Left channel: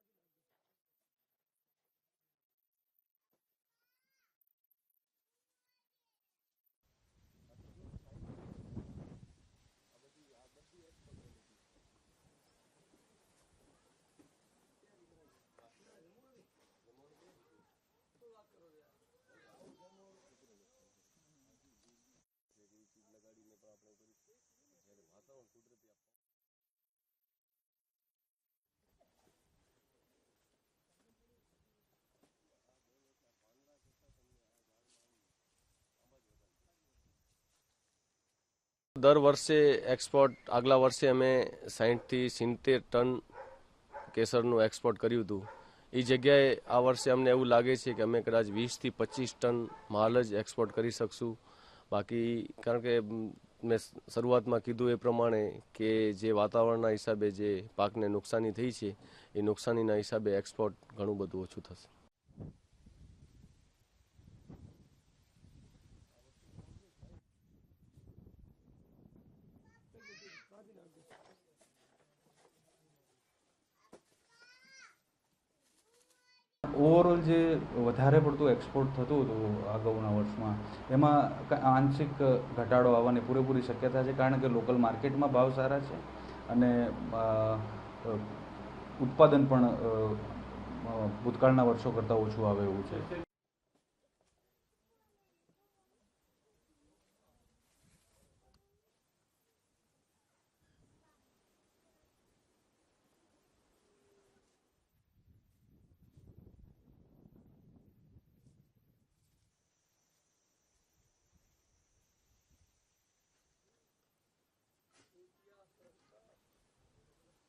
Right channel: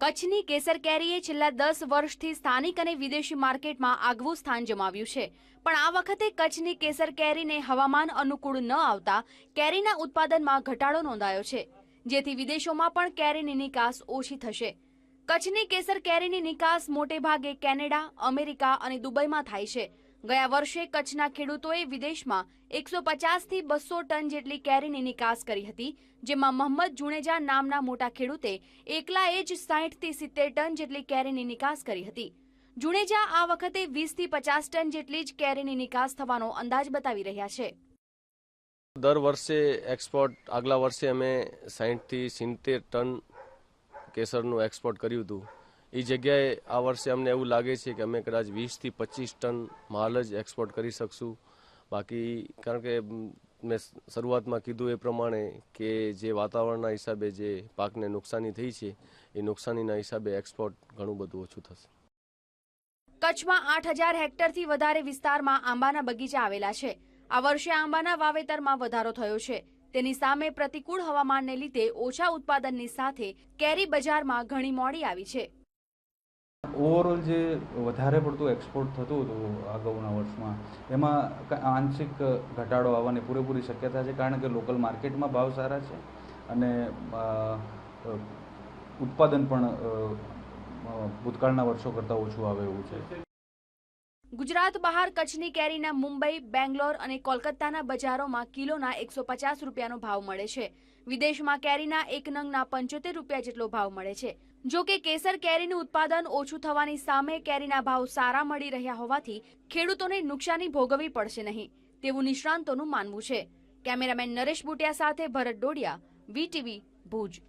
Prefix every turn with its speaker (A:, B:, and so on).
A: કચ્છની કેસર કેરીએ છેલ્લા દસ વર્ષથી સ્થાનિક અને વિદેશી માર્કેટમાં આગવું સ્થાન જમાવ્યું છે. પણ આ વખતે કચ્છની કેસર કેરીને હવામાન અનુકૂળ ન આવતા કેરીના ઉત્પાદનમાં ઘટાડો નોંધાયો છે, જેથી વિદેશોમાં પણ કેરીની નિકાસ ઓછી થશે. કચ્છની કેસર કેરીની નિકાસ મોટે ભાગે કેનેડા, અમેરિકા અને દુબઈમાં થાય છે. ગયા વર્ષે કચ્છના ખેડૂતોએ વિદેશમાં એકસો પચાસથી બસો ટન જેટલી કેરીની નિકાસ કરી હતી, જેમાં મોહમ્મદ જુણેજા નામના મોટા ખેડૂતે એકલાએ જ સાહીઠથી સિત્તેર ટન જેટલી કેરીની નિકાસ કરી હતી. જુણેજા આ વખતે વીસથી પચાસ ટન જેટલી જ કેરીની નિકાસ થવાનો અંદાજ બતાવી રહ્યા છે.
B: દર વર્ષે એક્સપોર્ટ આગલા વર્ષે અમે સાહીઠથી સિત્તેર ટન કેસરનું એક્સપોર્ટ કર્યું હતું. એ જગ્યાએ આ વર્ષે અમને એવું લાગે છે કે અમે કદાચ વીસથી પચીસ ટન માલ જ એક્સપોર્ટ કરી શકશું. બાકી કારણ કે, મેં શરૂઆતમાં કીધું એ પ્રમાણે કે જે વાતાવરણના હિસાબે જે પાકને નુકસાની થઈ છે, એ નુકસાનીના હિસાબે એક્સપોર્ટ ઘણું બધું ઓછું થશે.
A: કચ્છમાં આઠ હજાર હેક્ટરથી વધારે વિસ્તારમાં આંબાના બગીચા આવેલા છે. આ વર્ષે આંબાના વાવેતરમાં વધારો થયો છે. તેની સામે પ્રતિકૂળ હવામાનને લીધે ઓછા ઉત્પાદનની સાથે કેરી બજારમાં ઘણી મોડી આવી છે.
C: ઓવરઓલ જે વધારે પડતું એક્સપોર્ટ થતું હતું અગાઉના વર્ષમાં, એમાં આંશિક ઘટાડો આવવાની પૂરેપૂરી શક્યતા છે, કારણ કે લોકલ માર્કેટમાં ભાવ સારા છે અને ઉત્પાદન પણ ભૂતકાળના વર્ષો કરતાં ઓછું આવે એવું છે.
A: ગુજરાત બહાર કચ્છની કેરીના મુંબઈ, બેંગ્લોર અને કોલકાતાના બજારોમાં કિલોના એકસો પચાસ રૂપિયાનો ભાવ મળે છે. વિદેશમાં કેરીના એક નંગના પંચોતેર રૂપિયા જેટલો ભાવ મળે છે. જો કે કેસર કેરીનું ઉત્પાદન ઓછું થવાની સામે કેરીના ભાવ સારા મળી રહ્યા હોવાથી ખેડૂતોને નુકસાની ભોગવવી પડશે નહીં, તેવું નિષ્ણાંતોનું માનવું છે. કેમેરામેન નરેશ બુટિયા સાથે ભરત ડોડિયા વીટીવી ભુજ.